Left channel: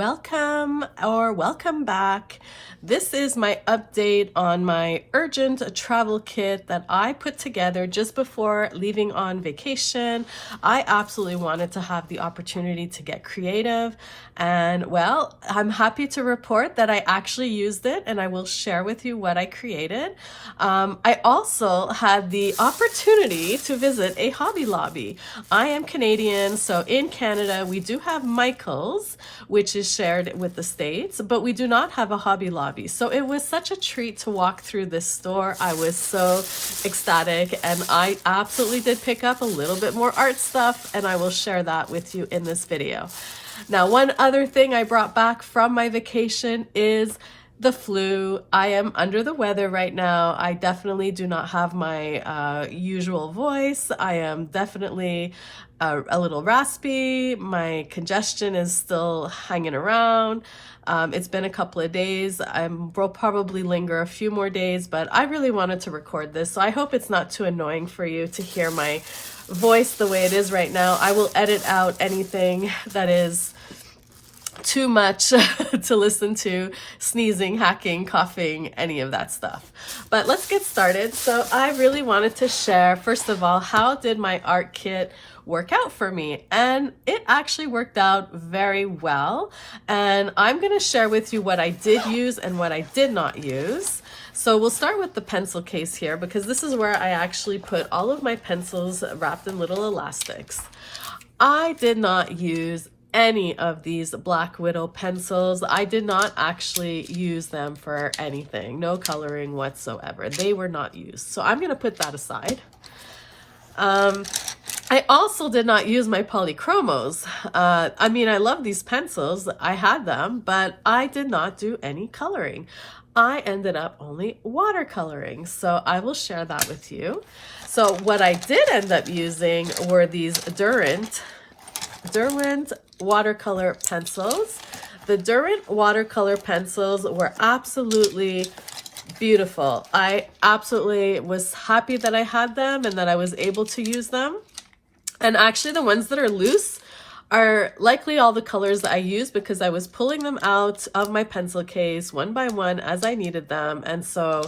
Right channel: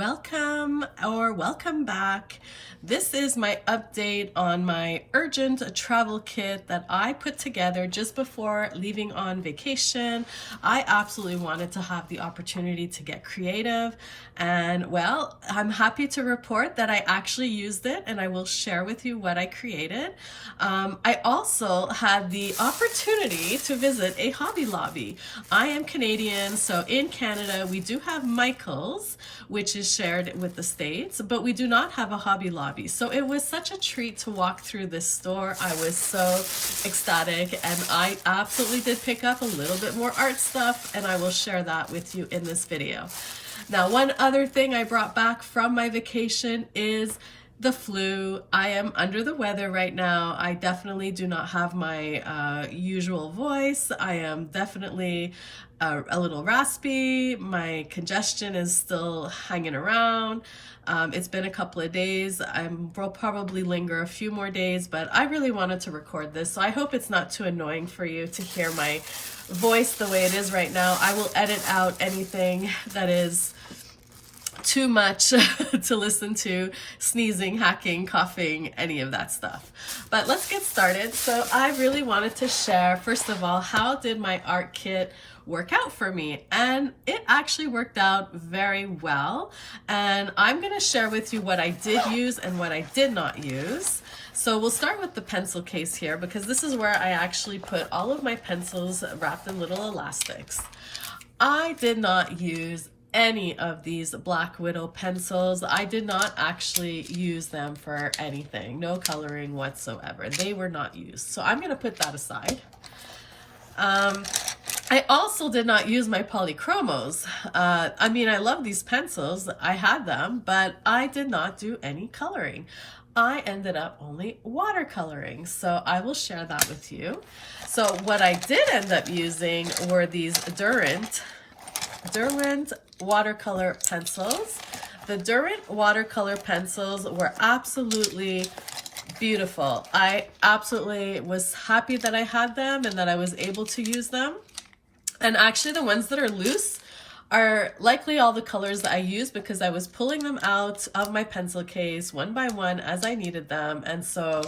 Welcome or welcome back. This is my update on my urgent travel kit that I put together just before leaving on vacation. I absolutely wanted to have the opportunity to get creative, and well, I'm happy to report that I actually used it, and I will share with you what I created. I also had the opportunity to visit a Hobby Lobby. I am Canadian, so in Canada we do have Michael's, which is shared with the States, but we do not have a Hobby Lobby. So it was such a treat to walk through this store. I was so ecstatic, and I absolutely did pick up a little bit more art stuff, and I will share that with you in this video. Now, one other thing I brought back from my vacation is the flu. I am under the weather right now. I definitely do not have my usual voice. I am definitely a little raspy. My congestion is still hanging around. It's been a couple of days. Will probably linger a few more days, but I really wanted to record this, so I hope it's not too annoying for you to hear my voice the way it is right now. I will edit out anything that is too much to listen to, sneezing, hacking, coughing, any of that stuff. But let's get started. So I really wanted to share, first of all, how did my art kit work out for me? And it actually worked out very well. And I'm going to share with you what I did use and what I did not use. So we'll start with the pencil case here, because this is where I actually put all of my pencils wrapped in little elastics. I did not use any of these Black Widow pencils. I did not actually use them for anything, no coloring whatsoever. They were not used. So I'm going to put that aside. I also did not use my polychromos. I mean, I love these pencils. I had them, but I did not do any coloring. I ended up only watercoloring. So I will share that with you. So what I did end up using were these Derwent watercolor pencils. The Derwent watercolor pencils were absolutely beautiful. I absolutely was happy that I had them and that I was able to use them. And actually the ones that are loose are likely all the colors that I used, because I was pulling them out of my pencil case one by one as I needed them. And so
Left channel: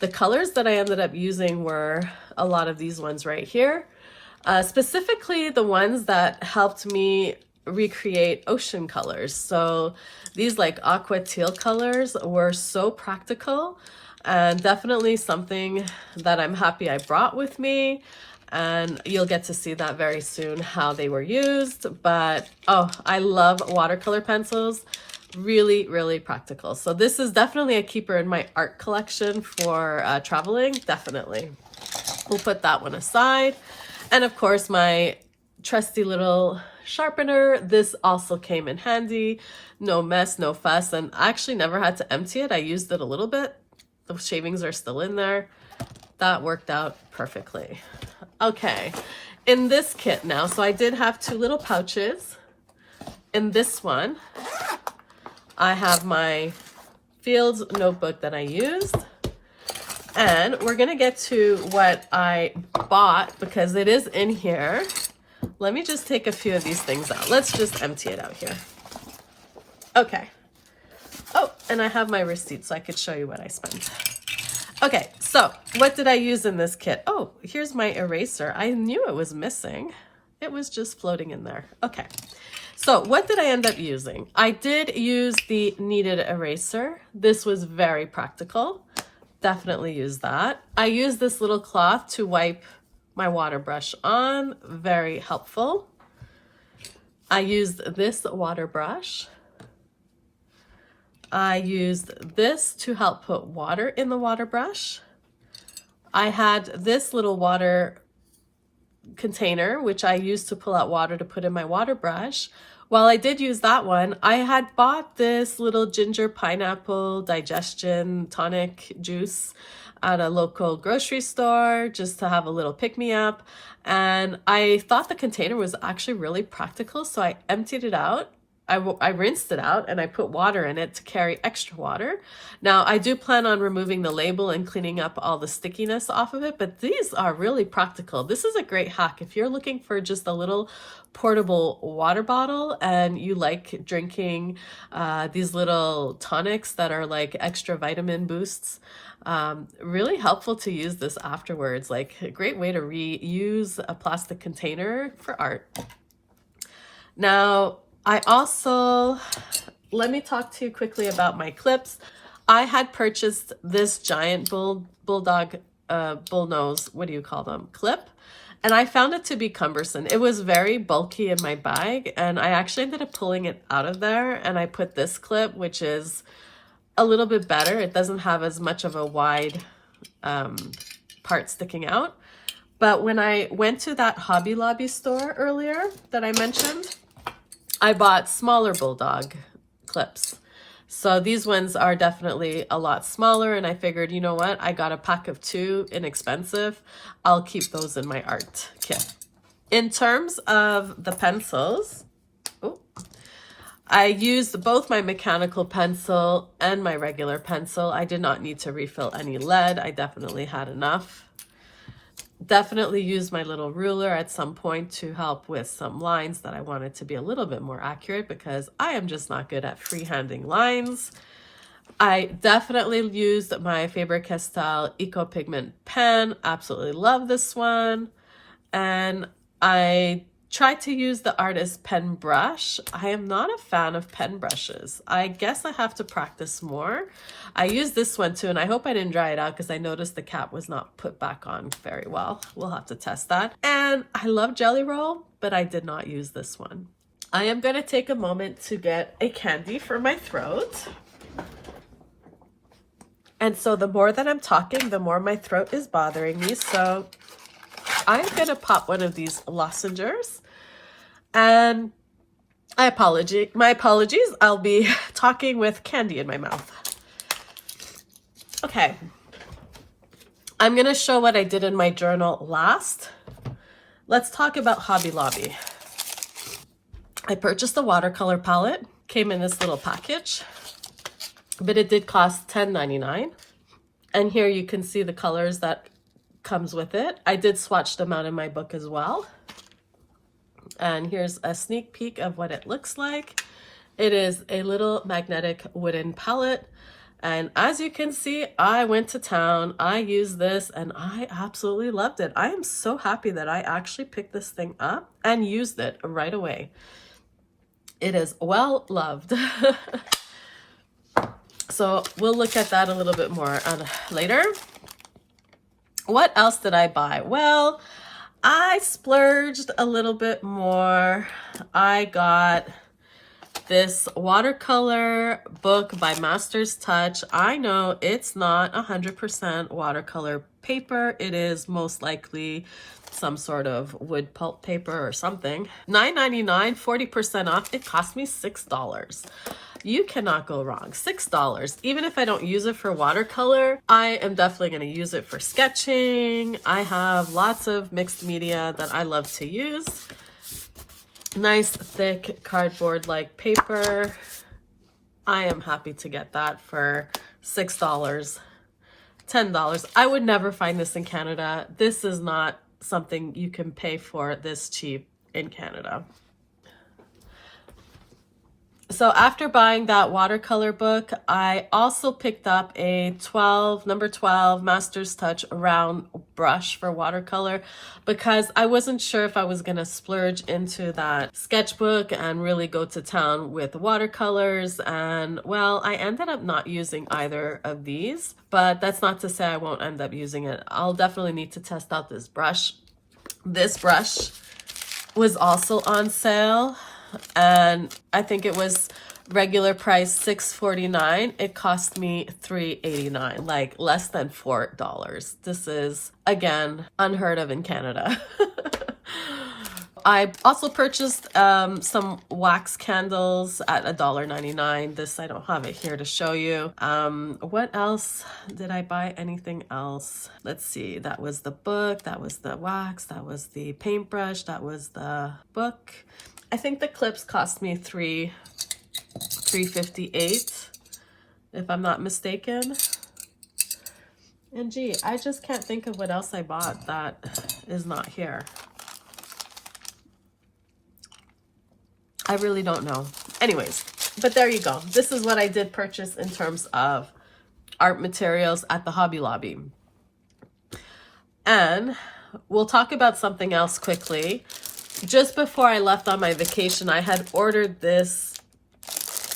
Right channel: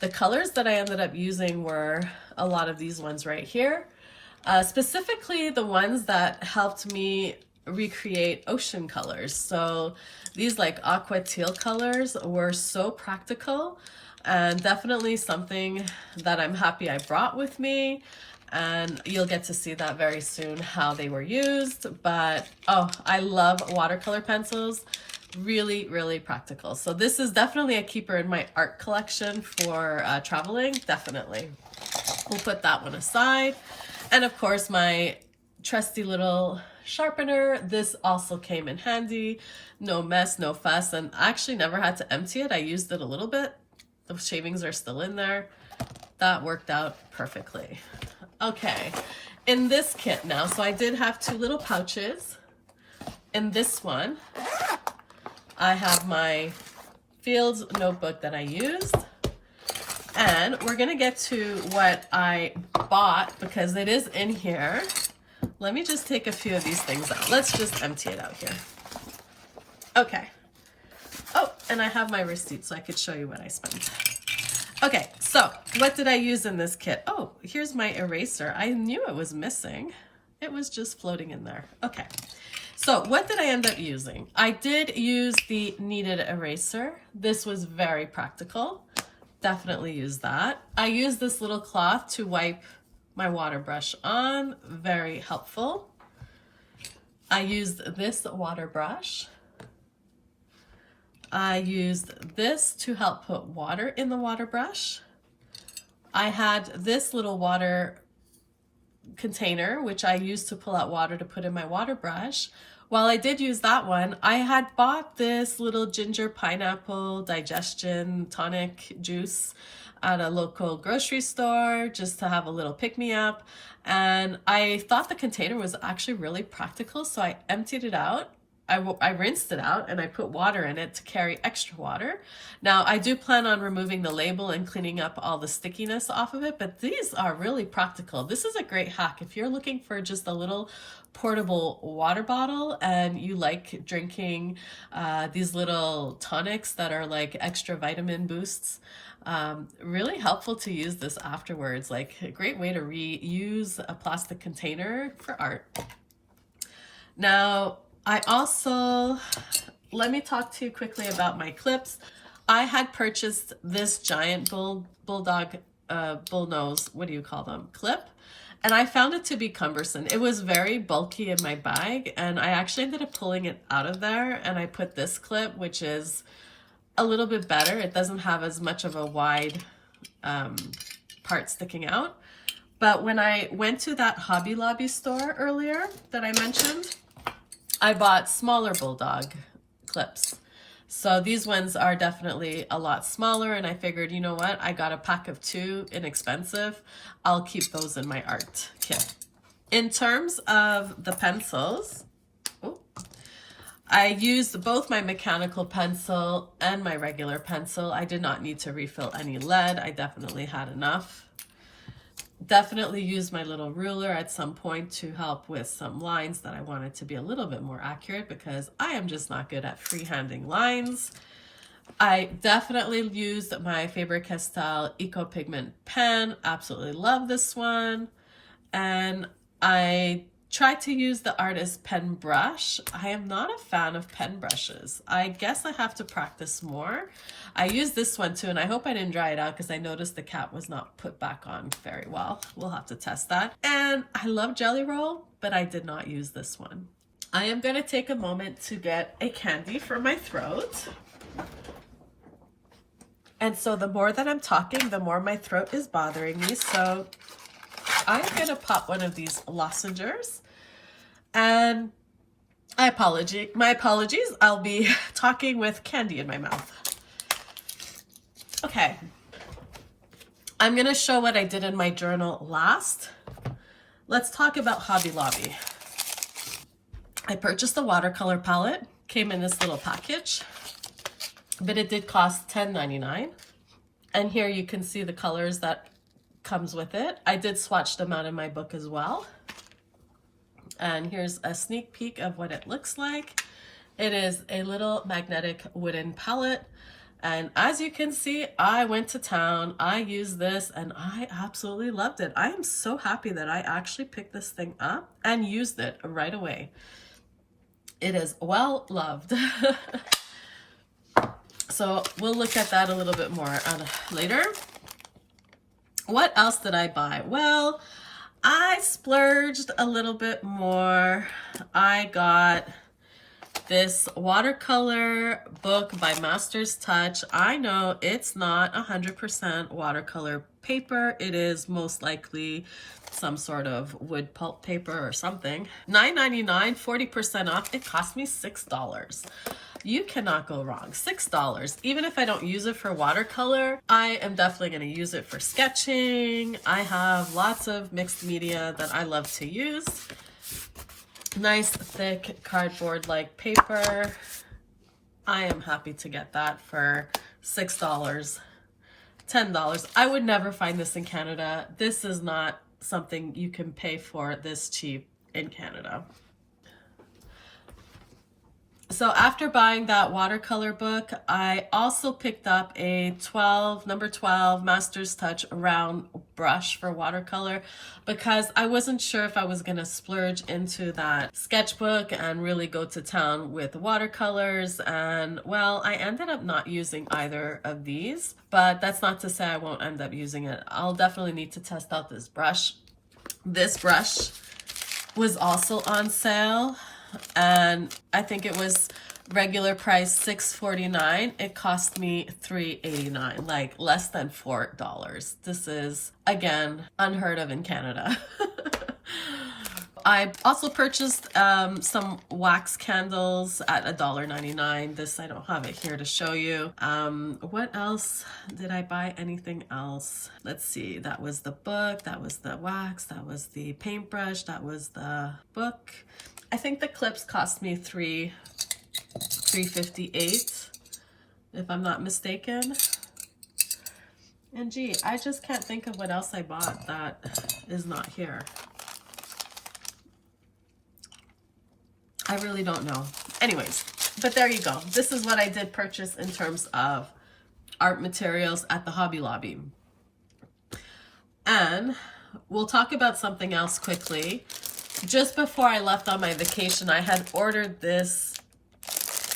the colors that I ended up using were a lot of these ones right here. Specifically the ones that helped me recreate ocean colors. So these like aqua teal colors were so practical, and definitely something that I'm happy I brought with me. And you'll get to see that very soon, how they were used. But oh, I love watercolor pencils. Really, really practical. So this is definitely a keeper in my art collection for traveling, definitely. We'll put that one aside. And of course, my trusty little sharpener. This also came in handy. No mess, no fuss, and I actually never had to empty it. I used it a little bit. The shavings are still in there. That worked out perfectly. Okay, in this kit now, so I did have two little pouches. In this one, I have my Fields notebook that I used. And we're gonna get to what I bought, because it is in here. Let me just take a few of these things out. Let's just empty it out here. Okay. Oh, and I have my receipt so I could show you what I spent. Okay, so what did I use in this kit? Oh, here's my eraser. I knew it was missing. It was just floating in there. Okay, so what did I end up using? I did use the kneaded eraser. This was very practical. Definitely use that. I used this little cloth to wipe my water brush on. Very helpful. I used this water brush. I used this to help put water in the water brush. I had this little water container, which I used to pull out water to put in my water brush. While I did use that one, I had bought this little ginger pineapple digestion tonic juice at a local grocery store just to have a little pick-me-up. And I thought the container was actually really practical, so I emptied it out. I rinsed it out and I put water in it to carry extra water. Now, I do plan on removing the label and cleaning up all the stickiness off of it, but these are really practical. This is a great hack if you're looking for just a little portable water bottle and you like drinking these little tonics that are like extra vitamin boosts, really helpful to use this afterwards. Like a great way to reuse a plastic container for art. Now, let me talk to you quickly about my clips. I had purchased this giant bullnose, what do you call them, clip, and I found it to be cumbersome. It was very bulky in my bag, and I actually ended up pulling it out of there, and I put this clip, which is a little bit better. It doesn't have as much of a wide part sticking out. But when I went to that Hobby Lobby store earlier that I mentioned, I bought smaller bulldog clips. So these ones are definitely a lot smaller, and I figured, you know what, I got a pack of 2, inexpensive. I'll keep those in my art kit. In terms of the pencils, I used both my mechanical pencil and my regular pencil. I did not need to refill any lead. I definitely had enough. Definitely used my little ruler at some point to help with some lines that I wanted to be a little bit more accurate, because I am just not good at freehanding lines. I definitely used my Faber-Castell Eco Pigment pen. Absolutely love this one. And I tried to use the artist pen brush. I am not a fan of pen brushes. I guess I have to practice more. I used this one too, and I hope I didn't dry it out because I noticed the cap was not put back on very well. We'll have to test that. And I love Jelly Roll, but I did not use this one. I am going to take a moment to get a candy for my throat. And so the more that I'm talking, the more my throat is bothering me. So I'm going to pop one of these lozenges. And my apologies, I'll be talking with candy in my mouth. Okay, I'm going to show what I did in my journal last. Let's talk about Hobby Lobby. I purchased a watercolor palette, came in this little package, but it did cost $10.99. And here you can see the colors that comes with it. I did swatch them out in my book as well. And here's a sneak peek of what it looks like. It is a little magnetic wooden palette. And as you can see, I went to town, I used this, and I absolutely loved it. I am so happy that I actually picked this thing up and used it right away. It is well loved. So we'll look at that a little bit more later. What else did I buy? Well, I splurged a little bit more. I got this watercolor book by Master's Touch. I know it's not 100% watercolor paper. It is most likely some sort of wood pulp paper or something. $9.99, 40% off. It cost me $6. You cannot go wrong. $6. Even if I don't use it for watercolor, I am definitely going to use it for sketching. I have lots of mixed media that I love to use. Nice thick cardboard-like paper. I am happy to get that for $6, $10. I would never find this in Canada. This is not something you can pay for this cheap in Canada. So after buying that watercolor book, I also picked up a number 12 Master's Touch round brush for watercolor, because I wasn't sure if I was going to splurge into that sketchbook and really go to town with watercolors. And well, I ended up not using either of these, but that's not to say I won't end up using it. I'll definitely need to test out this brush. This brush was also on sale, and I think it was regular price $6.49. It cost me $3.89, like less than $4. This is, again, unheard of in Canada. I also purchased some wax candles at $1.99. This, I don't have it here to show you. What else did I buy? Anything else? Let's see. That was the book. That was the wax. That was the paintbrush. That was the book. I think the clips cost me $3.58, if I'm not mistaken. And gee, I just can't think of what else I bought that is not here. I really don't know. Anyways, but there you go. This is what I did purchase in terms of art materials at the Hobby Lobby. And we'll talk about something else quickly. Just before I left on my vacation, I had ordered this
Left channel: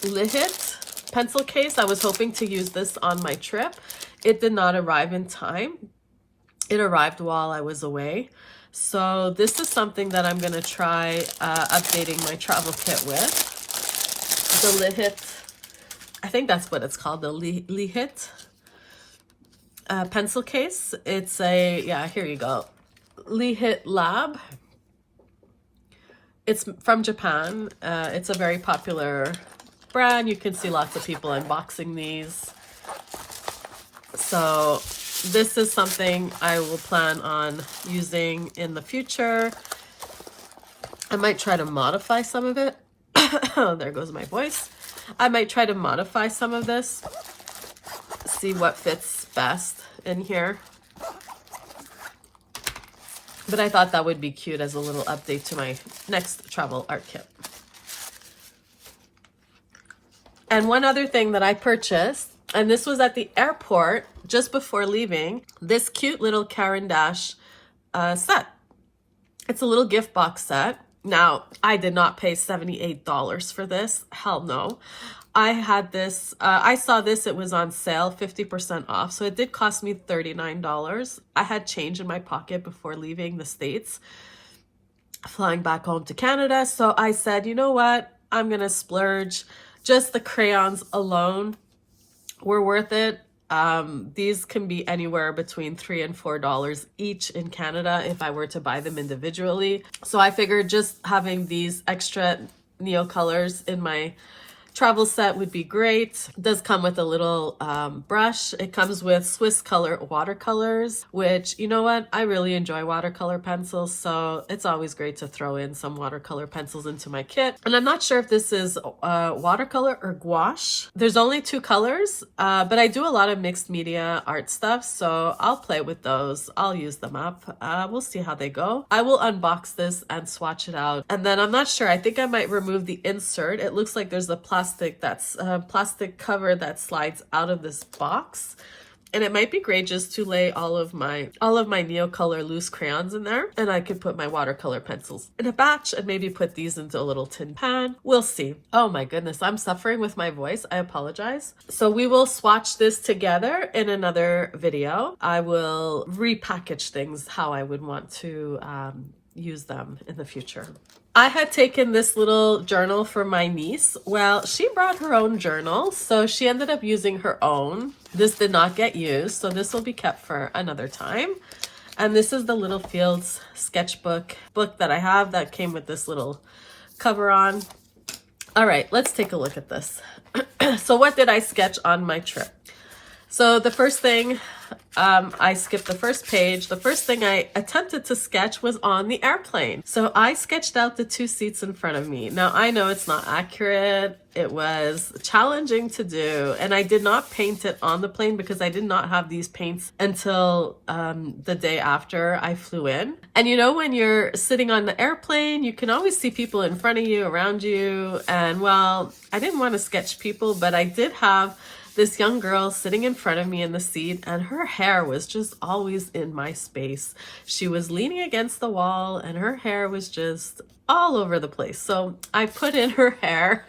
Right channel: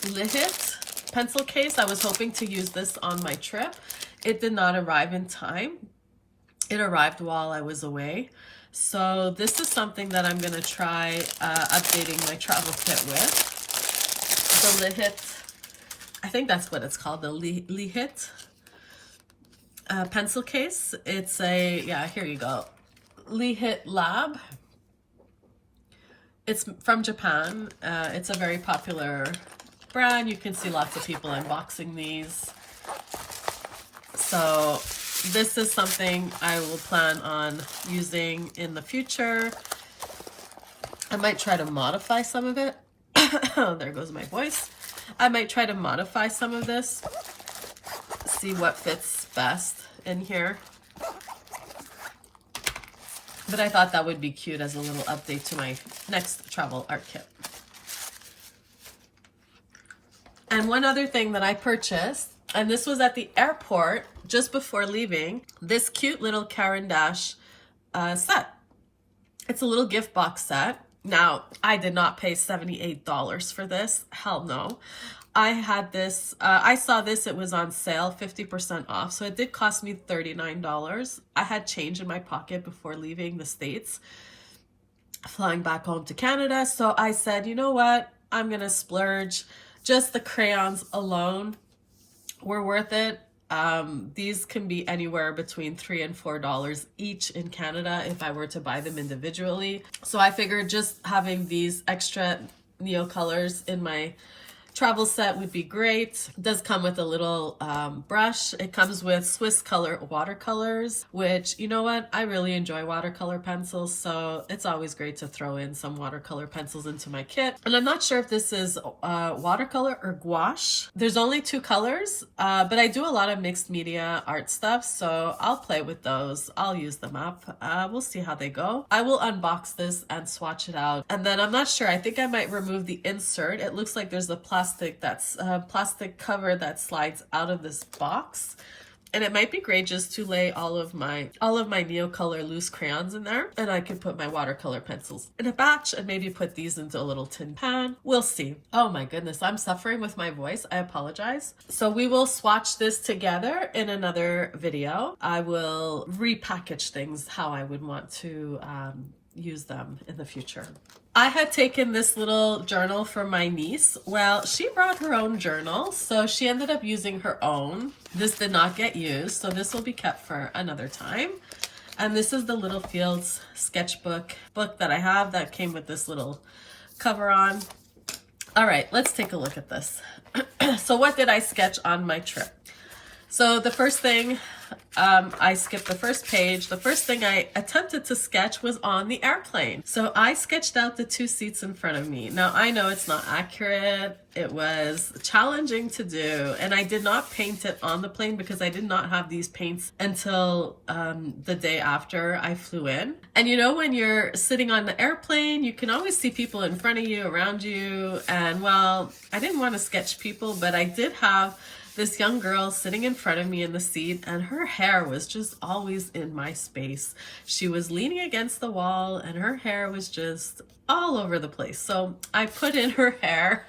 Lihit pencil case. I was hoping to use this on my trip. It did not arrive in time. It arrived while I was away. So this is something that I'm going to try updating my travel kit with. The Lihit, I think that's what it's called, the Lihit pencil case. It's a, yeah, here you go. Lihit Lab. It's from Japan. It's a very popular brand. You can see lots of people unboxing these. So this is something I will plan on using in the future. I might try to modify some of it. There goes my voice. I might try to modify some of this. See what fits best in here. But I thought that would be cute as a little update to my next travel art kit. And one other thing that I purchased, and this was at the airport just before leaving, this cute little Caran d'Ache set. It's a little gift box set. Now, I did not pay $78 for this. Hell no. I had this, I saw this, it was on sale, 50% off. So it did cost me $39. I had change in my pocket before leaving the States, flying back home to Canada. So I said, you know what? I'm going to splurge. Just the crayons alone were worth it. These can be anywhere between $3 and $4 each in Canada if I were to buy them individually. So I figured just having these extra neo colors in my travel set would be great. It does come with a little brush. It comes with Swiss Color watercolors, which, you know what? I really enjoy watercolor pencils, so it's always great to throw in some watercolor pencils into my kit. And I'm not sure if this is watercolor or gouache. There's only two colors, but I do a lot of mixed media art stuff, so I'll play with those. I'll use them up. We'll see how they go. I will unbox this and swatch it out. And then I'm not sure. I think I might remove the insert. It looks like there's a plastic cover that slides out of this box, and it might be great just to lay all of my Neocolor loose crayons in there, and I could put my watercolor pencils in a batch and maybe put these into a little tin pan. We'll see. Oh my goodness, I'm suffering with my voice. I apologize. So we will swatch this together in another video. I will repackage things how I would want to use them in the future. I had taken this little journal for my niece. Well, she brought her own journal, so she ended up using her own. This did not get used, so this will be kept for another time. And this is the Little Fields sketchbook book that I have that came with this little cover on. All right, let's take a look at this. So what did I sketch on my trip? So the first thing, I skipped the first page. The first thing I attempted to sketch was on the airplane. So I sketched out the two seats in front of me. Now I know it's not accurate. It was challenging to do, and I did not paint it on the plane because I did not have these paints until the day after I flew in. And you know, when you're sitting on the airplane, you can always see people in front of you, around you. And well, I didn't want to sketch people, but I did have this young girl sitting in front of me in the seat, and her hair was just always in my space. She was leaning against the wall and her hair was just all over the place. So I put in her hair.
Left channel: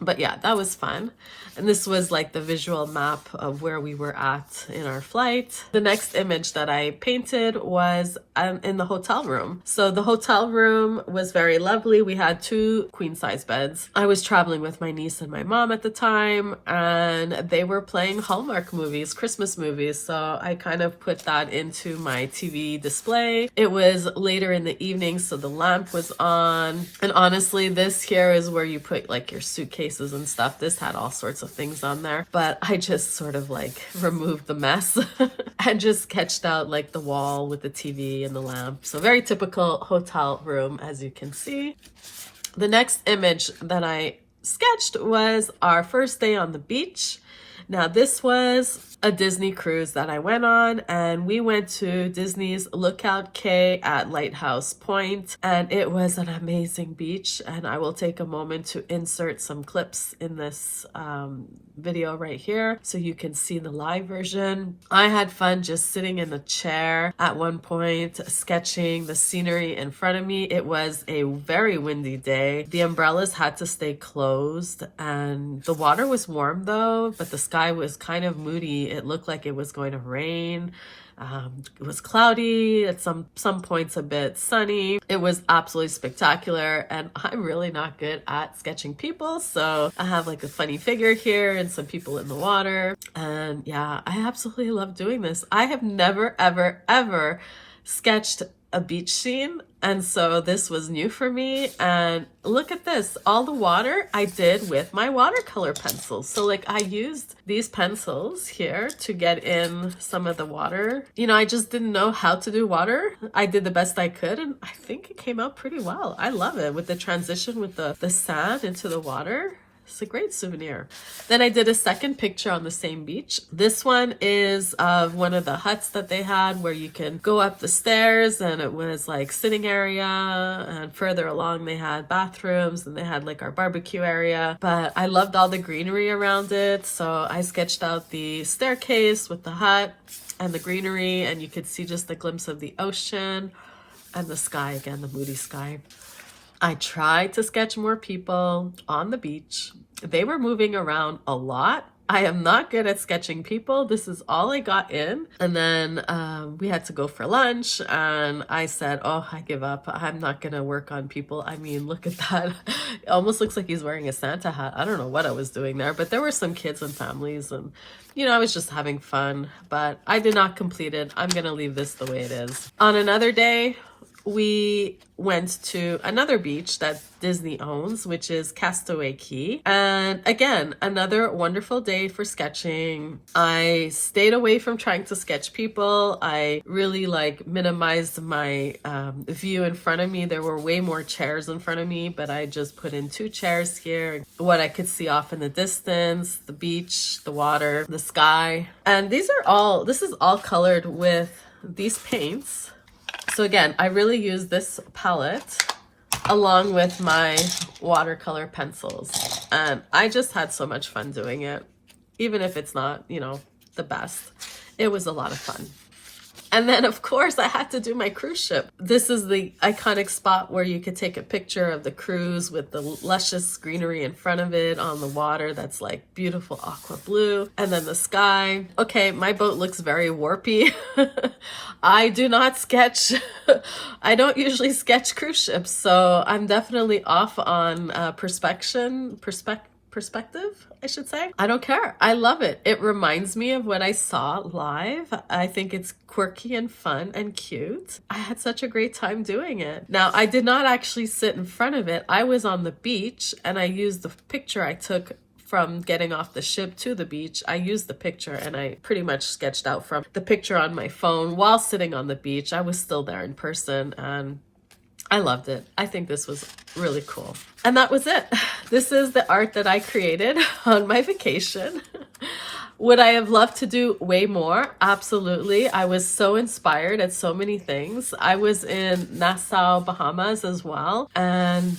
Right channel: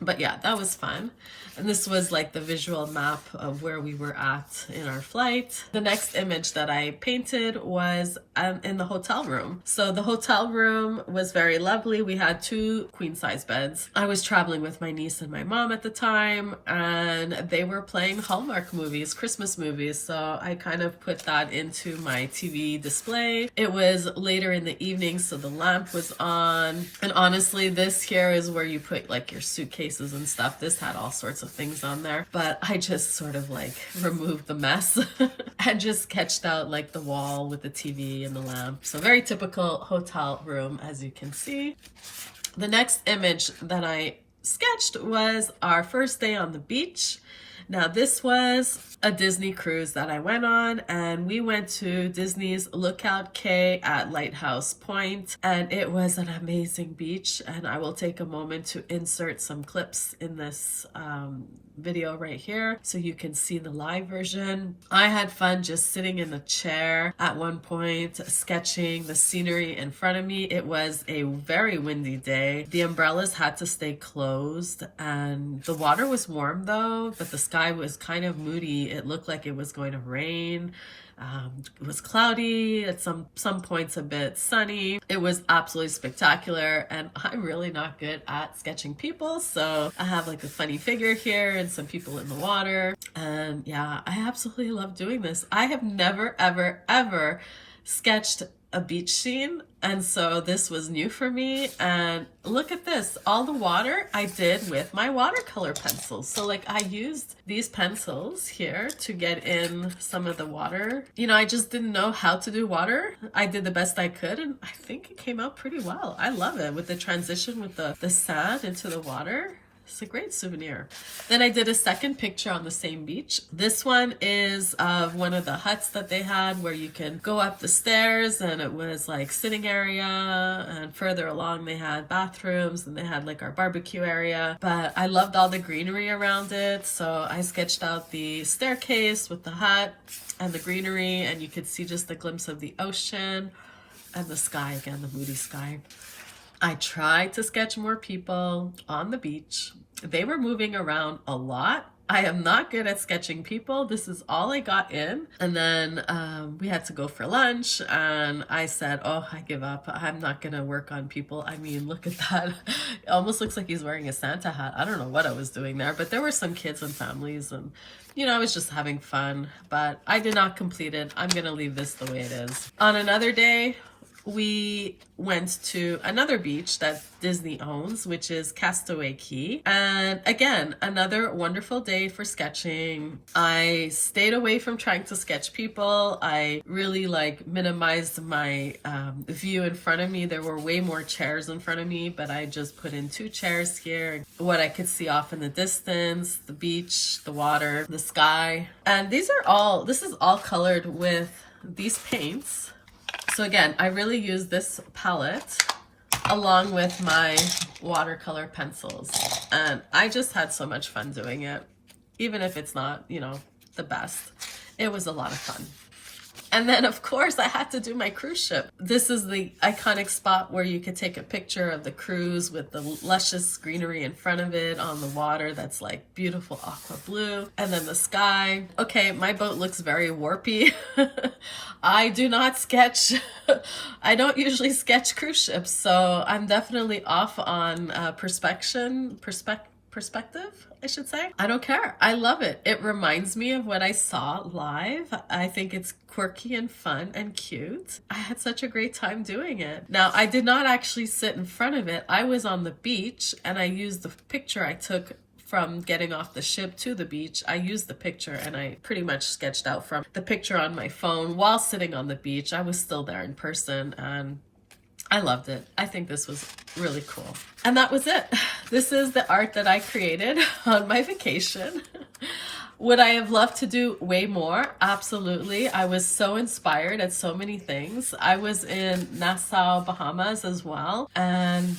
But yeah, that was fun. And this was like the visual map of where we were at in our flight. The next image that I painted was in the hotel room. So the hotel room was very lovely. We had 2 queen-size beds. I was traveling with my niece and my mom at the time, and they were playing Hallmark movies, Christmas movies. So I kind of put that into my TV display. It was later in the evening, so the lamp was on. And honestly, this here is where you put like your suitcases and stuff. This had all sorts of things on there, but I just sort of like removed the mess and just sketched out like the wall with the TV and the lamp. So very typical hotel room, as you can see. The next image that I sketched was our first day on the beach. Now, this was a Disney cruise that I went on, and we went to Disney's Lookout Cay at Lighthouse Point, and it was an amazing beach. And I will take a moment to insert some clips in this video right here so you can see the live version. I had fun just sitting in the chair at one point, sketching the scenery in front of me. It was a very windy day. The umbrellas had to stay closed, and the water was warm though, but the sky was kind of moody. It looked like it was going to rain. It was cloudy, at some points a bit sunny. It was absolutely spectacular, and I'm really not good at sketching people, so I have like a funny figure here and some people in the water, and yeah, I absolutely love doing this. I have never ever sketched a beach scene, and so this was new for me. And look at this, all the water I did with my watercolor pencils. So like I used these pencils here to get in some of the water. You know, I just didn't know how to do water. I did the best I could, and I think it came out pretty well. I love it with the transition with the sand into the water. It's a great souvenir. Then I did a second picture on the same beach. This one is of one of the huts that they had where you can go up the stairs, and it was like sitting area, and further along they had bathrooms, and they had like our barbecue area. But I loved all the greenery around it, so I sketched out the staircase with the hut and the greenery, and you could see just a glimpse of the ocean and the sky again, the moody sky. I tried to sketch more people on the beach. They were moving around a lot. I am not good at sketching people. This is all I got in. And then we had to go for lunch, and I said, oh, I give up. I'm not gonna work on people. I mean, look at that. It almost looks like he's wearing a Santa hat. I don't know what I was doing there, but there were some kids and families, and you know, I was just having fun, but I did not complete it. I'm gonna leave this the way it is. On another day, we went to another beach that Disney owns, which is Castaway Cay. And again, another wonderful day for sketching. I stayed away from trying to sketch people. I really like minimized my view in front of me. There were way more chairs in front of me, but I just put in 2 chairs here. What I could see off in the distance, the beach, the water, the sky. And this is all colored with these paints. So again, I really use this palette along with my watercolor pencils, and I just had so much fun doing it. Even if it's not, you know, the best, it was a lot of fun. And then of course I had to do my cruise ship. This is the iconic spot where you could take a picture of the cruise with the luscious greenery in front of it on the water that's like beautiful aqua blue, and then the sky. Okay, my boat looks very warpy. I do not sketch. I don't usually sketch cruise ships, so I'm definitely off on perspective, I should say. I don't care. I love it. It reminds me of what I saw live. I think it's quirky and fun and cute. I had such a great time doing it. Now, I did not actually sit in front of it. I was on the beach, and I used the picture I took from getting off the ship to the beach. I used the picture, and I pretty much sketched out from the picture on my phone while sitting on the beach. I was still there in person, and I loved it. I think this was really cool. And that was it. This is the art that I created on my vacation. Would I have loved to do way more? Absolutely. I was so inspired at so many things. I was in Nassau, Bahamas as well, and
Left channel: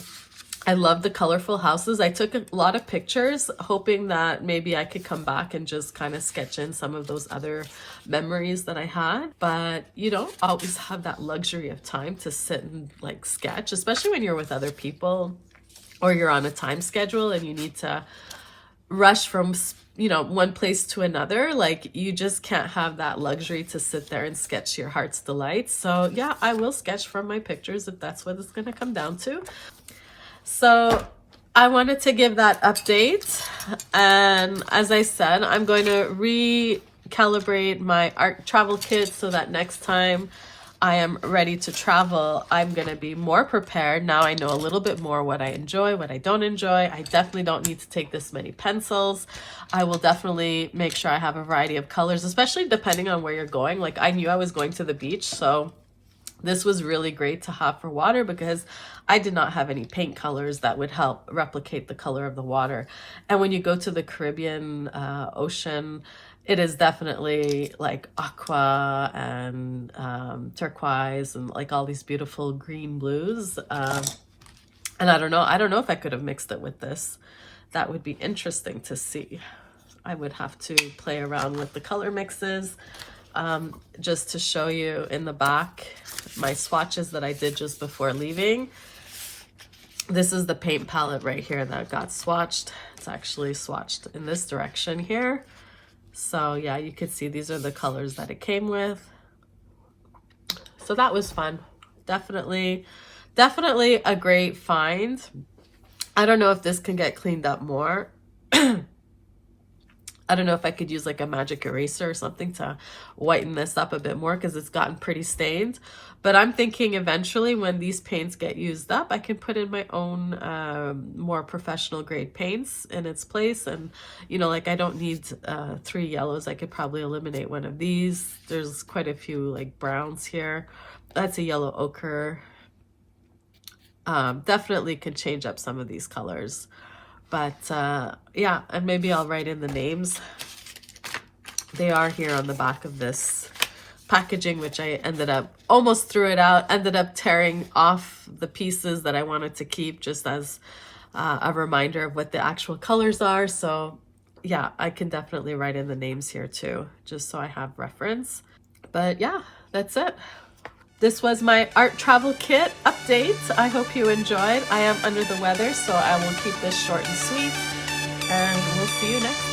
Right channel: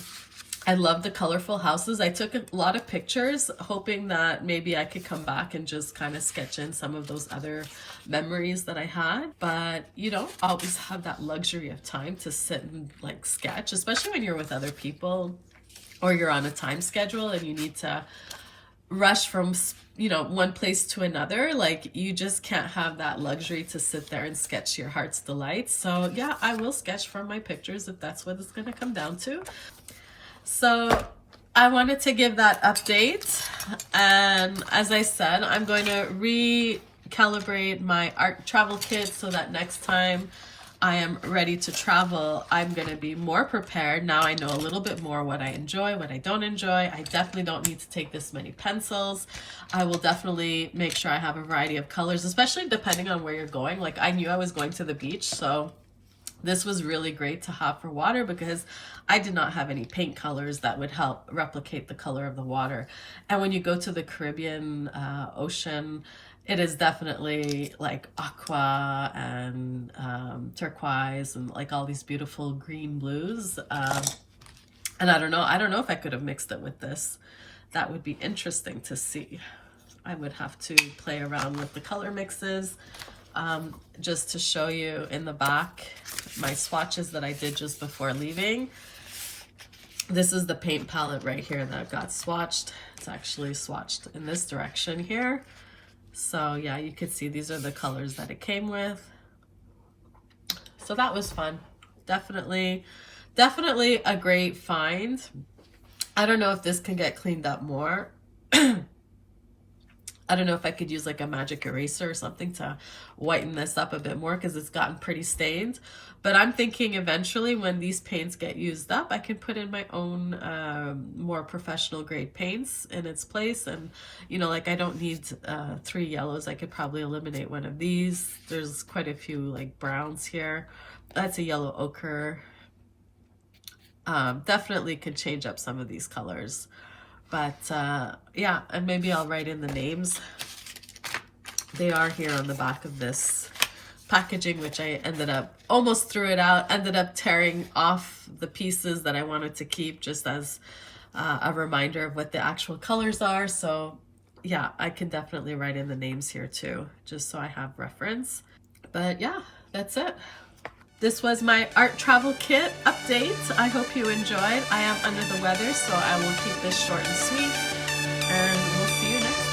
I love the colorful houses. I took a lot of pictures, hoping that maybe I could come back and just kind of sketch in some of those other memories that I had. But you don't always have that luxury of time to sit and like sketch, especially when you're with other people or you're on a time schedule and you need to rush from, you know, one place to another. Like, you just can't have that luxury to sit there and sketch your heart's delight. So yeah, I will sketch from my pictures if that's what it's going to come down to. So I wanted to give that update, and as I said, I'm going to recalibrate my art travel kit so that next time I am ready to travel, I'm going to be more prepared. Now I know a little bit more what I enjoy, what I don't enjoy. I definitely don't need to take this many pencils. I will definitely make sure I have a variety of colors, especially depending on where you're going. Like, I knew I was going to the beach, so this was really great to have for water because I did not have any paint colors that would help replicate the color of the water. And when you go to the Caribbean Ocean, it is definitely like aqua and turquoise and like all these beautiful green blues. And I don't know if I could have mixed it with this. That would be interesting to see. I would have to play around with the color mixes. Just to show you in the back, my swatches that I did just before leaving. This is the paint palette right here that got swatched. It's actually swatched in this direction here. So yeah, you could see these are the colors that it came with. So that was fun. Definitely a great find. I don't know if this can get cleaned up more. I don't know if I could use like a magic eraser or something to whiten this up a bit more because it's gotten pretty stained. But I'm thinking eventually when these paints get used up, I can put in my own more professional grade paints in its place. And, you know, like I don't need 3 yellows. I could probably eliminate one of these. There's quite a few like browns here. That's a yellow ochre. Definitely could change up some of these colors. But yeah, and maybe I'll write in the names. They are here on the back of this packaging, which I ended up, almost threw it out, ended up tearing off the pieces that I wanted to keep just as a reminder of what the actual colors are. So yeah, I can definitely write in the names here too, just so I have reference. But yeah, that's it. This was my art travel kit update. I hope you enjoyed. I am under the weather, so I will keep this short and sweet. And we'll see you next time.